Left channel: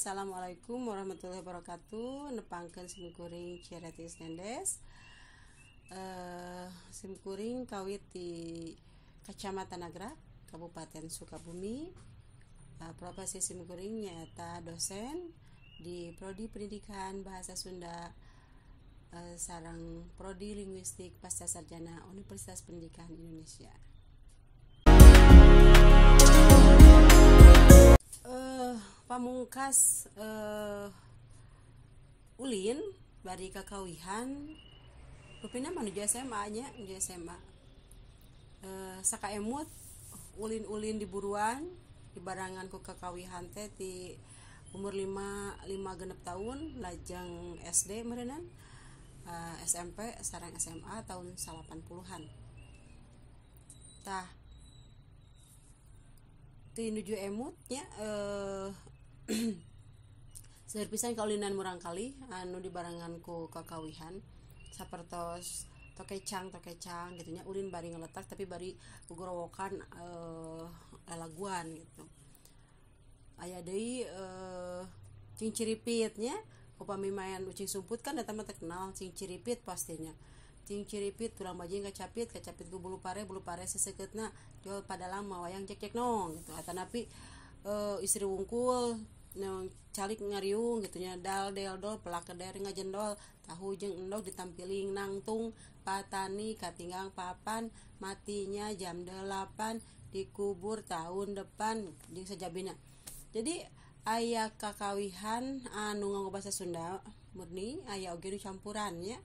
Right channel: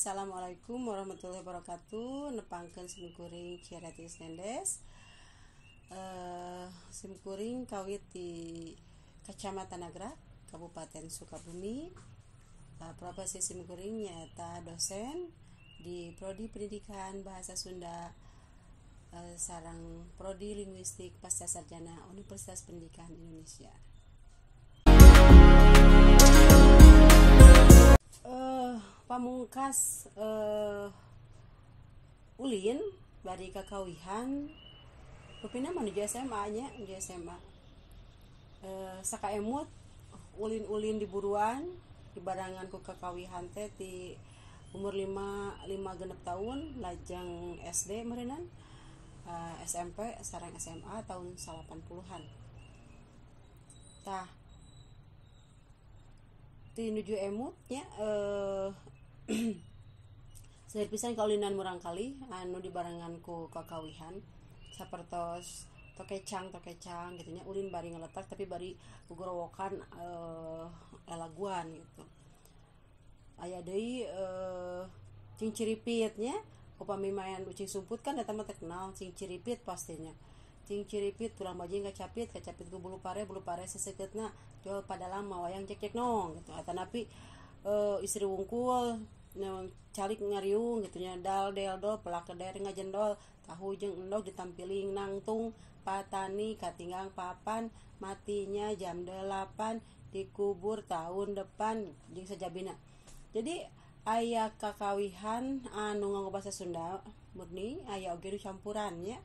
Assalamualaikum warahmatullahi wabarakatuh. Nepangkeun simkuring Cireti Sendes. Simkuring kawit di Kecamatan Nagrag, Kabupaten Sukabumi. Profesi simkuring nyaeta dosen di Prodi Pendidikan Bahasa Sunda sareng Prodi Linguistik Pasca Sarjana Universitas Pendidikan Indonesia. Pamungkas ulin bari kakawihan rupina menuju SMA nya di SMA sakaemut ulin-ulin diburuan dibarangan ku kakawihan teh ti umur 5 genep tahun lajang SD meureunan SMP sareng SMA tahun 80-an tah ti nuju emutnya seueur pisan kaulinan murang kali anu dibarengan ku kakawihan sapertos tokecang gitu nya ulin bari ngeletak tapi bari gogorowokan lelaguan gitu aya deui cing ciripit nya upami mayan ucing sumput kan eta mah teu kenal cing ciripit pastinya cing ciripit tulang bajing kacapit ku bulu pare seseukeutna jol pada lama wayang cek nong gitu atanapi istri wungkul calik ngariung gitu nya dal pelak keder ngajendol tahu jeung endog ditampiling nangtung patani katinggang papan matinya jam 8 dikubur tahun depan jeung sajabina. Jadi aya kakawihan anu nganggo basa Sunda murni aya oge nu campurannya.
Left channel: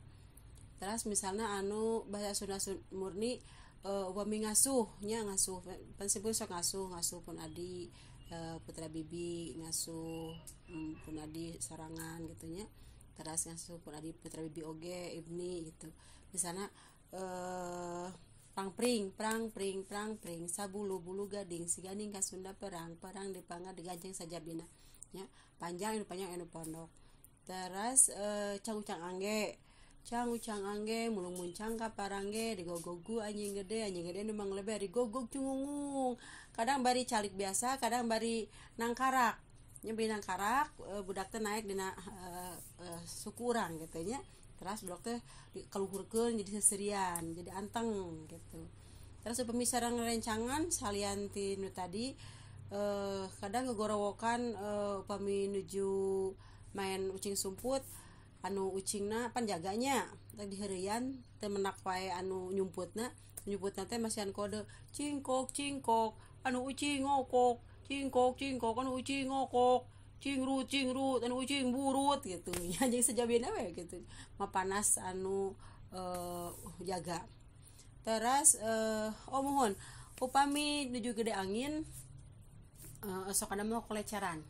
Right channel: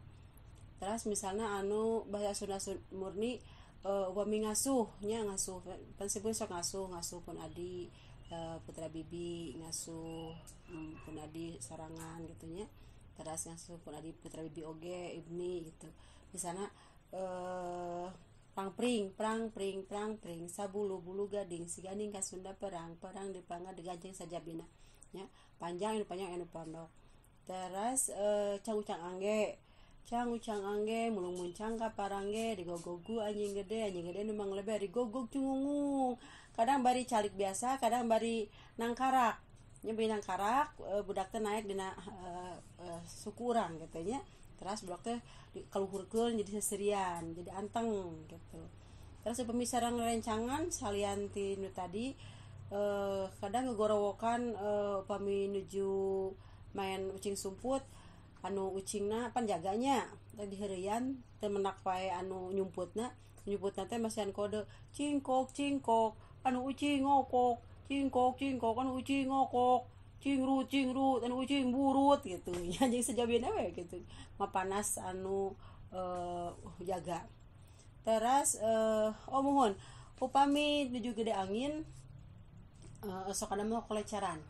Terus misalnya anu basa Sunda murni upami ngasuh pan sebut sok ngasuh pun adi putra bibi ngasuh pun adi sorangan gitu nya terus ngasuh pun adi putra bibi oge ibni gitu misalnya perang pring sabulu-bulu gading si gading ka Sunda perang dipangga digajeng sajabina nya panjang anu pondok terus cang angge mulung muncang ka parangge digogogu anjing gede nu manglebe digogog cungung kadang bari calik biasa kadang bari nangkarak bari nangkarak budak teh naik dina suku urang gitu nya terus budak teh kaluhurkeun jadi seserian jadi anteng gitu terus pemisaran rencangan salian ti nu tadi kadang ngegorowokan upami nuju main ucing sumput anu ucingna panjaganya teh diheureyan teh menak wae anu nyumputna teh masihan kode cingkok anu ucing ngokok cingkok anu ucing ngokok cingrut anu ucing burut gitu nya jeung sajabina we gitu mapanas anu jaga terus mohon upami nuju gede angin sok ada mau keleceran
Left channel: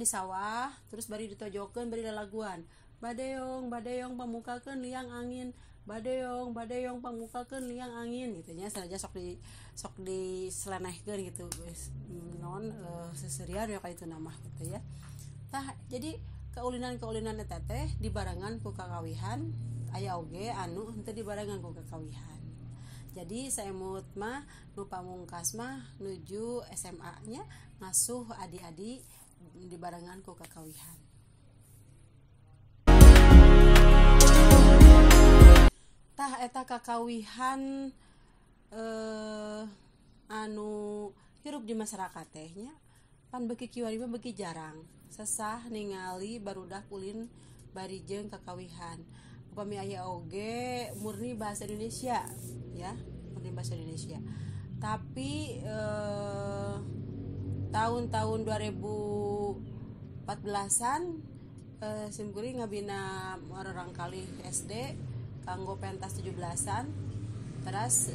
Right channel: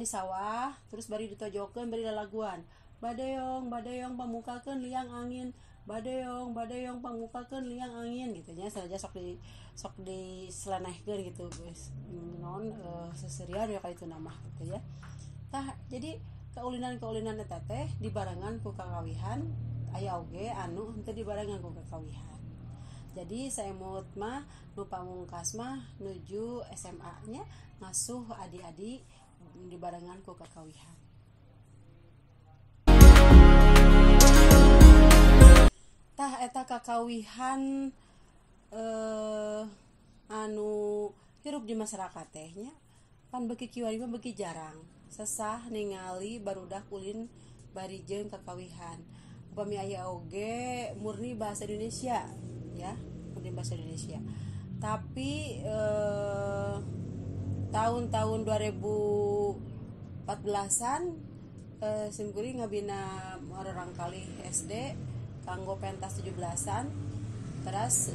di sawah terus bari ditojokeun bari lalaguan badeong pamukakeun liang angin badeong pamukakeun liang angin gitu nya saja sok di selenehkeun gitu guys non seserian ya kali itu nama gitu ya tah jadi keulinan eta teh dibarengan ku kakawihan aya oge anu henteu dibarengan ku kakawihan jadi saemut mah nu pamungkas mah nuju SMA nya ngasuh adik-adik dibarengan ku kakawihan. Tah eta kakawihan anu hirup di masyarakat teh nya pan beuki kiwari mah beuki jarang sesah ningali barudak ulin bari jeung kakawihan upami aya oge murni bahasa Indonesia ya murni bahasa Indonesia tapi tahun 2014an simkuring ngabina orang kali SD kanggo pentas 17-an terus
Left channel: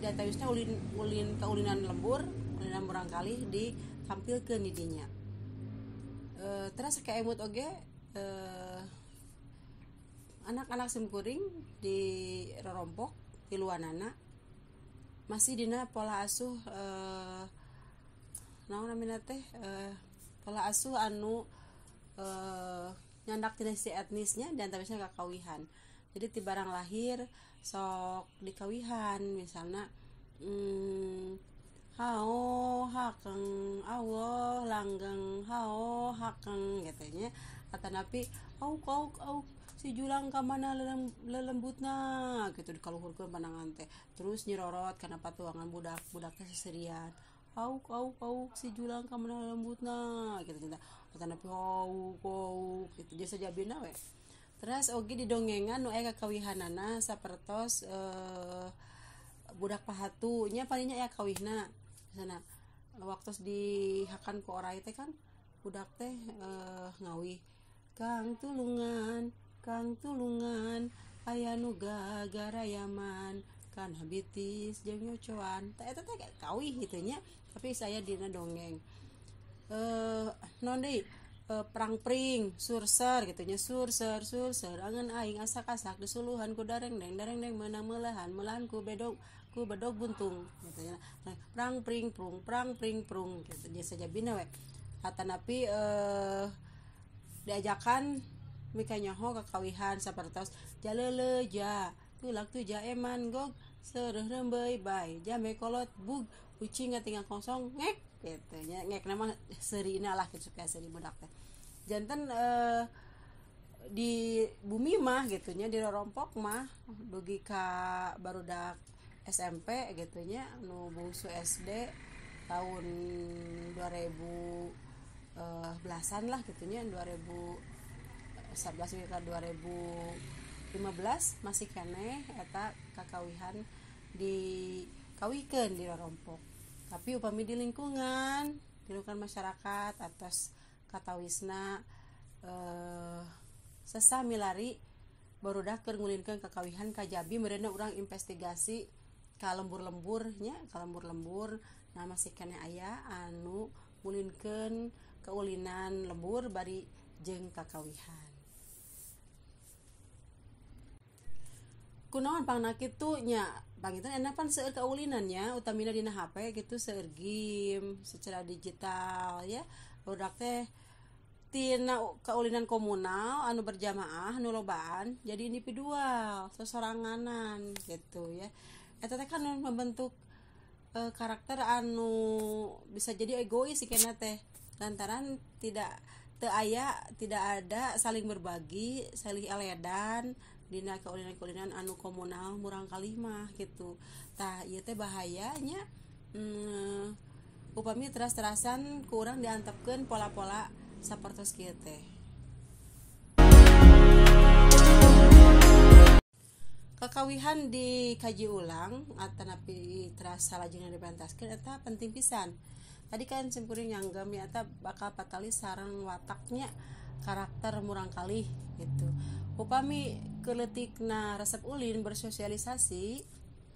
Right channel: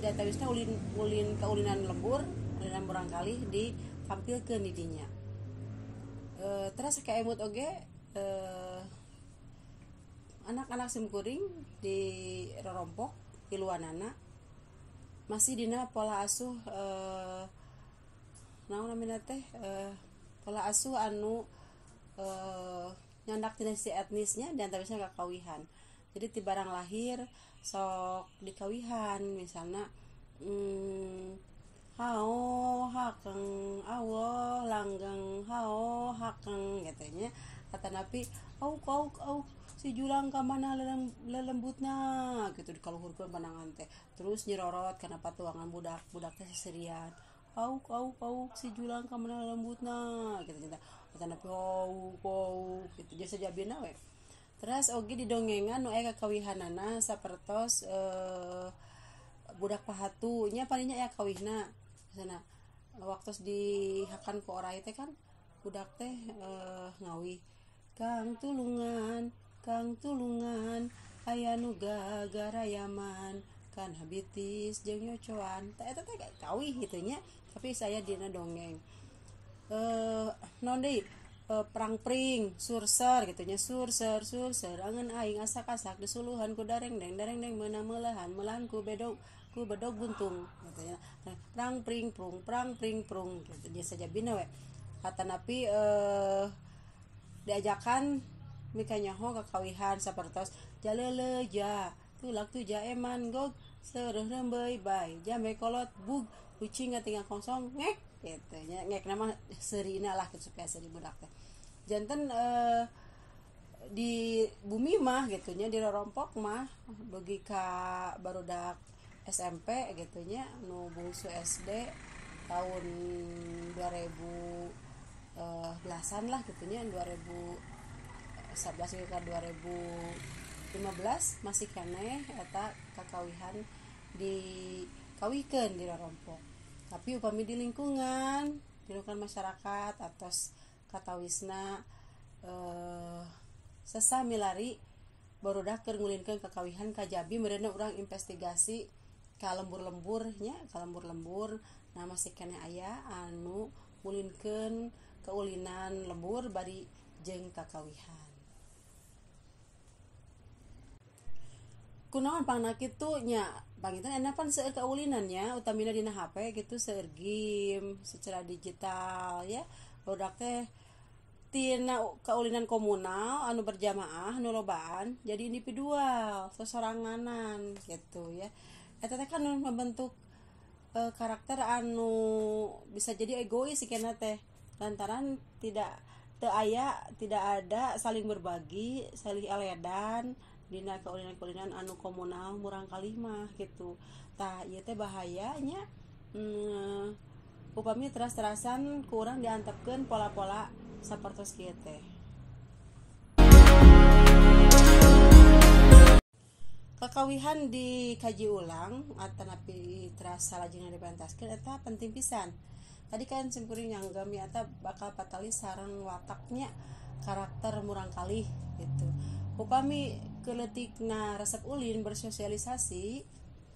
jatawisna ulin kaulinan lembur ulinan murang kali ditampilkeun di dinya terus kaemut oge anak-anak simkuring di rorompok di luanana masih dina pola asuh naon namina teh pola asuh anu nyandak dinasti etnisnya dan tawisna kakawihan jadi ti barang lahir sok dikawihan misalnya hao hakeng awo langgeng hao hakeng katanya. Kata napi au si julang ka mana lelembutna gitu dikaluhurkeun pandangan teh. Terus nyirorot kana patuangan budak teh seserian. Au si julang ka mana lelembutna gitu cenah. Kata napi au gitu jadi sajabina we. Terus oge didongengan nu aya kakawihanana sapertos budak pahatu nya palingnya aya kawihna sana waktu dihakan ku orai teh kan budak teh ngawih Kang tulungan aya nu gagarayaman kan habitis jeung nyocoan eta teh kawih gitu nya tapi saya dina dongeng non deui perang pring surser gitu nya surser angan aing asak-asak disuluhan ku dareng deng meunang melahan ku bedog buntung gitu ya. Perang pring prung gitu nya sajabina we hatanapi diajakan mika nyaho kakawihan sapertos jaleleja tulak tuja eman gog seureuh rembeuy bay jambe kolot bug kucing tinggal kosong ngek gitu nya ngek nama seurina lah supaya seuri budak teh janten di bumi mah gitu nya di rorompok mah bagi ka barudak SMP gitu nya nu bungsu SD tahun 2000 belasan lah gitu nya 2011 ke 2015 masih keneh eta kakawihan dikawihkeun di rorompok. Tapi upami di lingkungan masyarakat atas katawisna sesami lari barudak keur ngulinkeun kakawihan kajabi meureunna urang investigasi ka lembur-lembur nah masih keneh aya anu ngulinkeun keulinan lembur bari jeung kakawihan. Kunaon pangna kitu nya panginten enapan seueur kaulinannya utamina dina HP gitu seueur game secara digital ya barudak teh tina kaulinan komunal anu berjamaah anu lobaan jadi individual sosoranganan gitu ya eta teh kan membentuk karakter anu bisa jadi egois sikana teh lantaran tidak ada saling berbagi saling eledan dina kaulinan anu komunal murang kalimah gitu tah ieu teh bahayanya upami teras-terasan ku urang diantepkeun pola-pola sapertos kieu teh. Kakawihan dikaji ulang atanapi terasa lajengna dipentaskeun eta penting pisan. Tadi kan simkuring nyanggam ya eta bakal patali sareng wataknya karakter murang kalih gitu. Upami keleutikna resep ulin bersosialisasi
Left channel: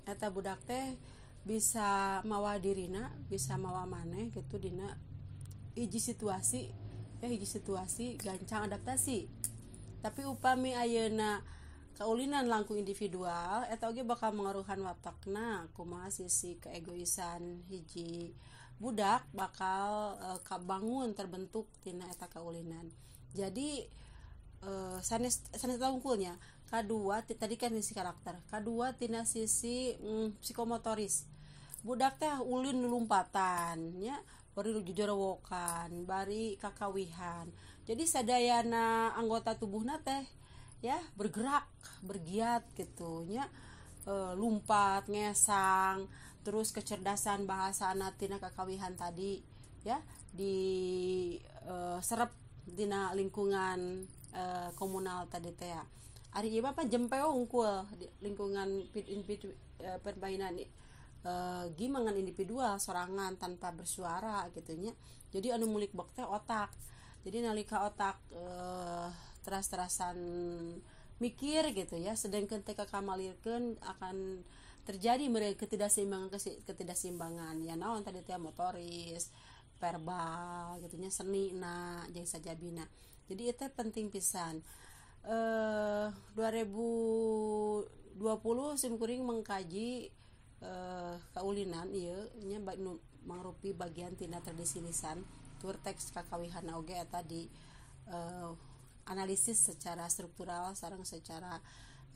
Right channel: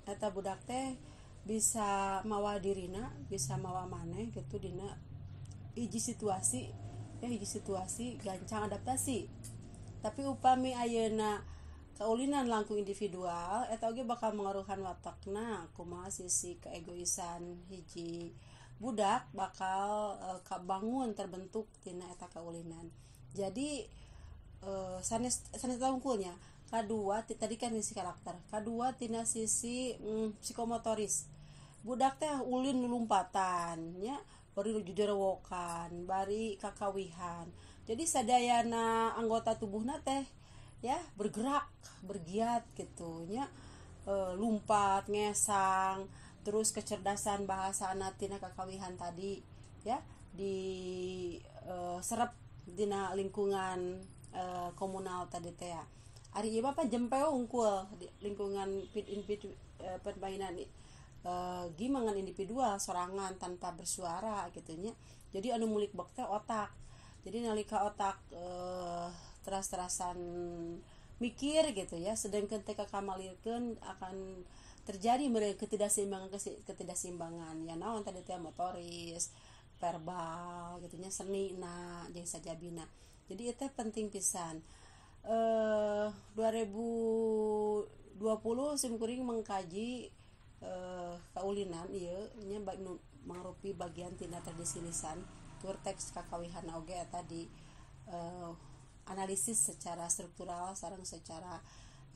eta budak teh bisa mawa dirina, bisa mawa maneh gitu dina hiji situasi gancang adaptasi. Tapi upami ayeuna kaulinan langkung individual eta oge bakal mengaruhan watakna kumaha sisi keegoisan hiji budak bakal kabangun terbentuk tina eta kaulinan. Jadi sanes tungkulnya kadua tadi kan sisi karakter, kadua tina sisi psikomotoris. Budak teh ulin lompatan nya bari jujerewokan, bari kakawihan. Jadi sadayana anggota tubuhna teh ya bergerak, bergiat gitu nya lumpat, ngesang, terus kecerdasan bahasa tina kakawihan tadi ya di serep dina lingkungan komunal tadi teh ya. Ari ieu mah jempeo unggul di lingkungan permainan gimangan individual sorangan tanpa bersuara gitu nya. Jadi anu mulik bok teh otak. Jadi nalika otak teras-terasan mikir gitu ya sedangkan teh kamalirkeun akan terjadi mereka ketidakseimbangan ya naon tadi teh motoris verbal gitu nya seni na jeung sajabina jadi itu penting pisan 2020 simkuring mengkaji kaulinan ieu nya mangrupi bagian tina tradisi lisan tur teks kakawihan oge eta di analisis secara struktural sareng secara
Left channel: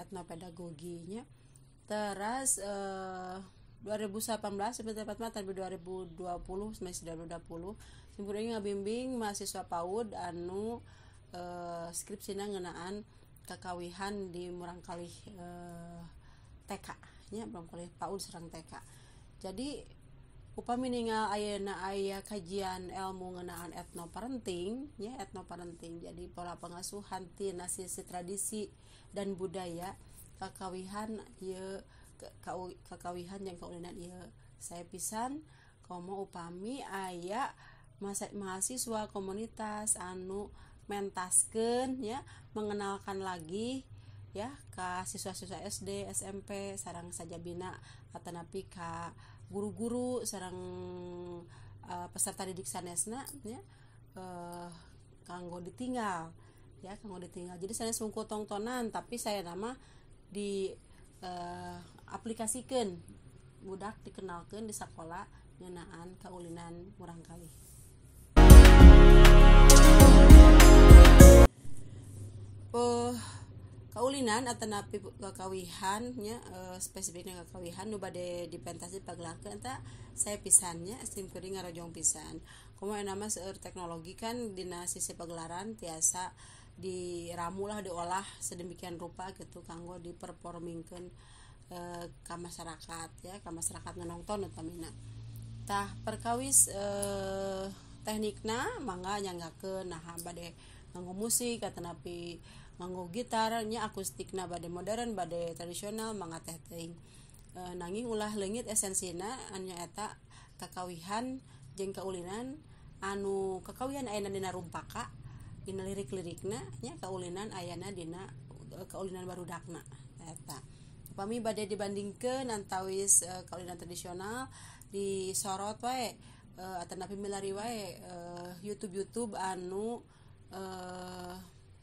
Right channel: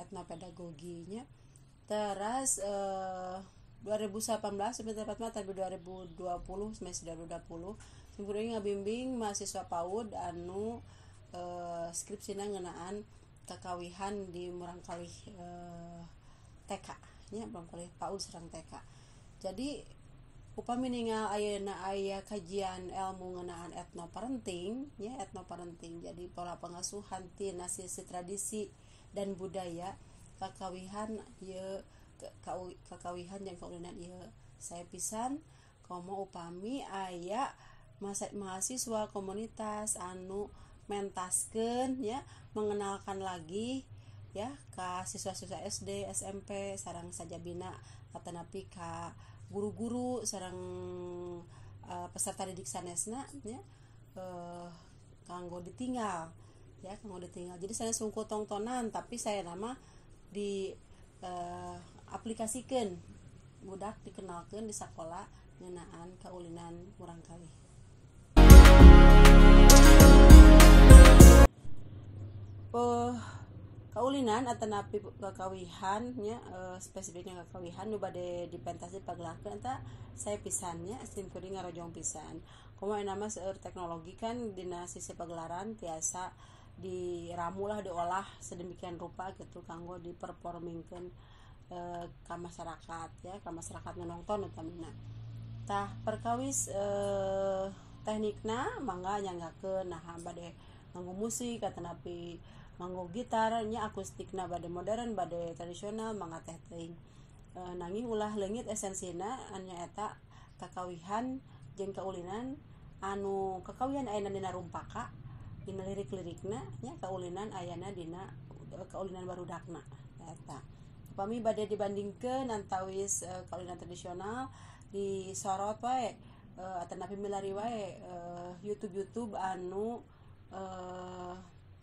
etnopedagoginya. Terus 2018 sampai tepatnya tapi 2020 semester 2020 simpuring ngabimbing mahasiswa PAUD anu skripsina ngeunaan kakawihan di Murangkalih TK nya Murangkalih PAUD sareng TK. Jadi upami ninggal ayeuna aya kajian ilmu ngeunaan etnoparenting ya etnoparenting jadi pola pengasuhan tina sisi tradisi dan budaya kakawihan ieu kakawihan jeung kaulinan ieu saya pisan komo upami aya mahasiswa komunitas anu mentaskeun ya mengenalkan lagi ya ka siswa-siswa SD, SMP sareng sajabina atanapi ka guru-guru sareng peserta didik sanesna ya kanggo ditinggal ya kanggo ditinggal. Jadi saya sungku tontonan tapi saya nama di aplikasikeun budak dikenalkeun di sekolah ngeunaan kaulinan Murangkalih. Kaulinan atanapi kakawihan nya spesifiknya kakawihan nu bade dipentasi pagelakeun eta saya pisannya simkuring ngarojong pisan. Komo nama seueur teknologi kan dina sisi pagelaran tiasa diramu lah diolah sedemikian rupa gitu kanggo diperformingkeun ka masyarakat ya ka masyarakat nonton utamina. Tah perkawis teknikna mangga nyanggakeun nah bade nganggo musik atanapi nganggo gitar nya akustikna bade modern bade tradisional mangga teh teuing. Nanging ulah leungit esensina anu nyaeta kakawihan jeung kaulinan anu kakawihan ayana dina rumpaka dina lirik-lirikna nya kaulinan ayana dina kaulinan barudakna eta. Upami bade dibandingkeun antawis kaulinan tradisional disorot wae atanapi milari wae YouTube anu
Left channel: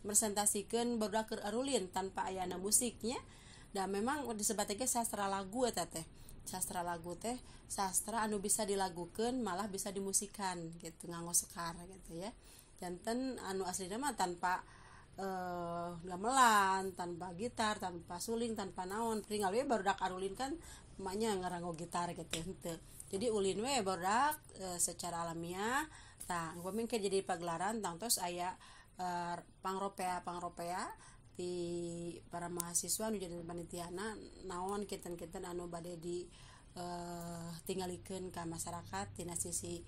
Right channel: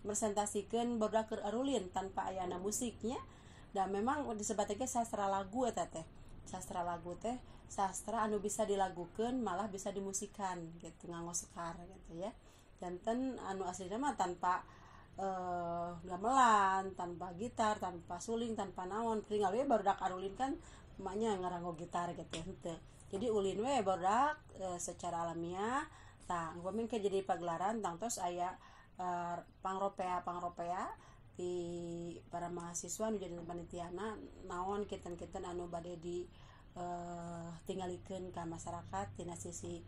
presentasikan barudak keur arulin tanpa ayana musiknya dan memang disebatake sastra lagu eta teh sastra lagu teh sastra anu bisa dilagukeun malah bisa dimusikan gitu nganggo sekar gitu ya janten anu aslina mah tanpa gamelan tanpa gitar tanpa suling tanpa naon pringal we barudak arulin kan emaknya ngaranggo gitar gitu henteu jadi ulin we barudak secara alamiah tah upami jadi pagelaran tangtos aya pangropea di para mahasiswa nu jadi panitiana naon kiten-kiten anu bade di tinggalikeun ka masyarakat tina sisi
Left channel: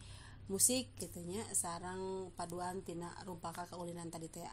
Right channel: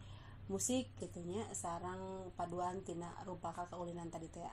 musik gitu nya sareng paduan tina rumpaka kaulinan tadi teh.